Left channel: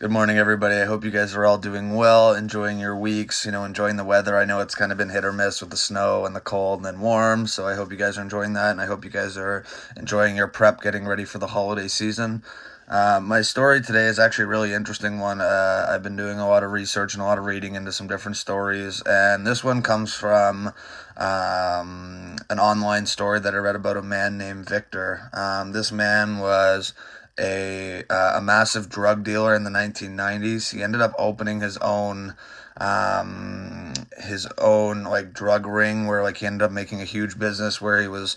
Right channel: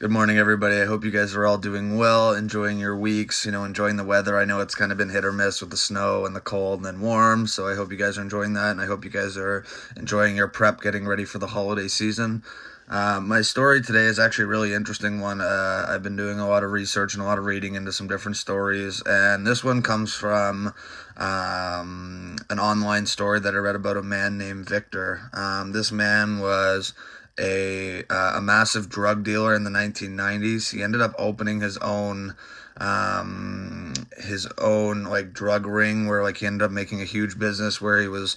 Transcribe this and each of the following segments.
Good morning, everybody. I hope you guys are all doing well, enjoying your weeks, enjoying the weather. I know it's kind of been hit or miss with the snow and the cold and then warm, so I hope you guys are enjoying that, and I hope you guys are enjoying your prep, getting ready for the holiday season. My story today is actually a really interesting one. I've been doing a lot of research and a lot of reading into some different stories, and this one comes from an online story that I read about a man named Victor. This man was a massive drug dealer in the 1990s. He ended up opening his own like drug ring where like he ended up making a huge business where he was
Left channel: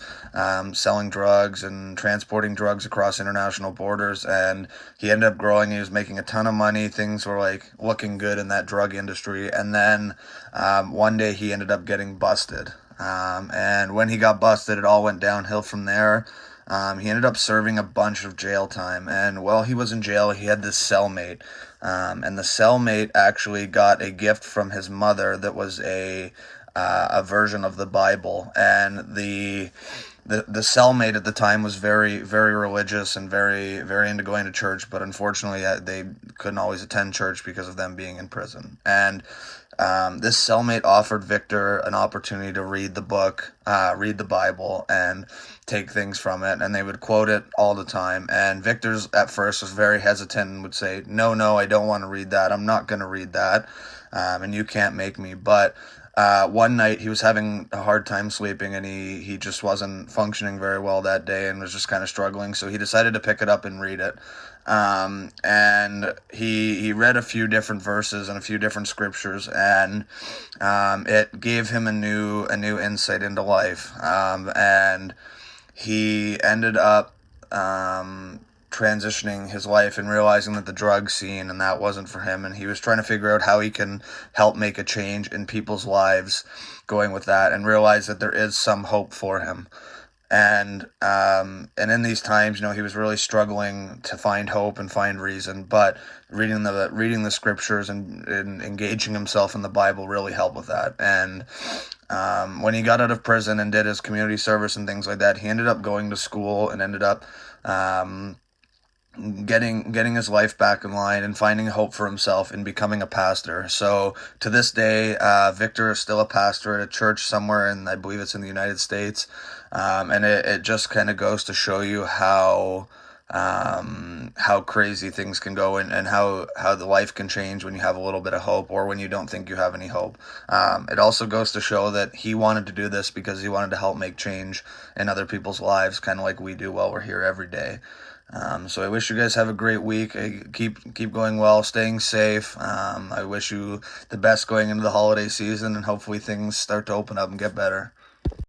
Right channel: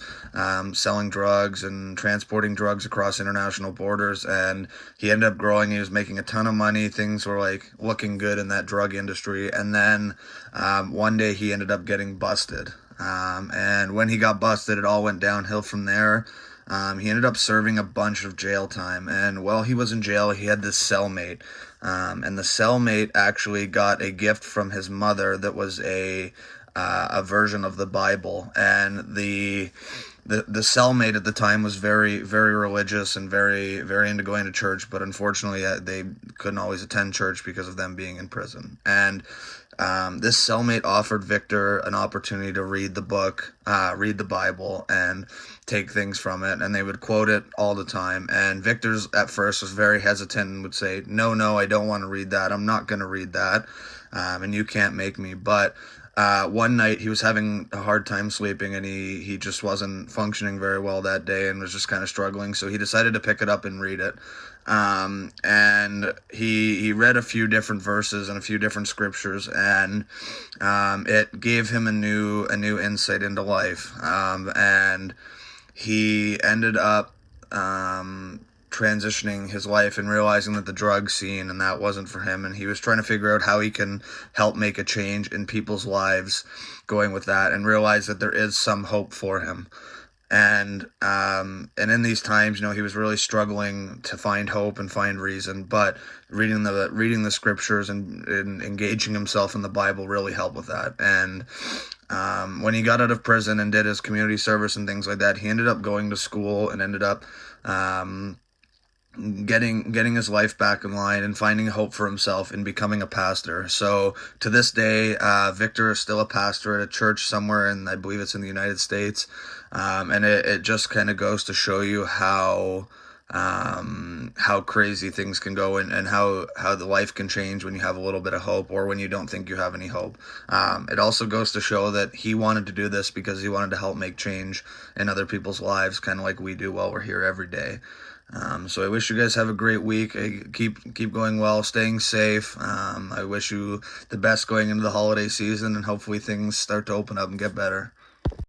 selling drugs and transporting drugs across international borders, and he ended up growing. He was making a ton of money. Things were like looking good in that drug industry, and then one day he ended up getting busted. And when he got busted, it all went downhill from there. He ended up serving a bunch of jail time, and while he was in jail, he had this cellmate. And the cellmate actually got a gift from his mother that was a version of the Bible, and the cellmate at the time was very very religious and very very into going to church, but unfortunately they couldn't always attend church because of them being in prison. And this cellmate offered Victor an opportunity to read the Bible, and take things from it, and they would quote it all the time. And Victor's at first was very hesitant and would say, "No, no, I don't want to read that. I'm not going to read that, and you can't make me." But one night he was having a hard time sleeping, and he just wasn't functioning very well that day, and was just kind of struggling. So he decided to pick it up and read it. And he read a few different verses and a few different scriptures, and it gave him a new insight into life. And he ended up transitioning his life and realizing that the drug scene and that wasn't for him, and he was trying to figure out how he can help make a change in people's lives going with that, and realize that there is some hope for him. And in these times, he was really struggling to find hope and find reason, but reading the scriptures and engaging himself in the Bible really helped with that. And when he got out of prison and did his community service and things like that, he ended up going to school and ended up um, getting his life back in line and finding hope for himself and becoming a pastor. So to this day, Victor is still a pastor at a church somewhere, and I believe it's in the United States. And it just kind of goes to show you how crazy things can go, and how the life can change when you have a little bit of hope or when you don't think you have any hope. It also goes to show that he wanted to do this because he wanted to help make change in other people's lives, kind of like we do while we're here every day. So I wish you guys have a great week. Keep going well, staying safe. I wish you the best going into the holiday season, and hopefully things start to open up and get better.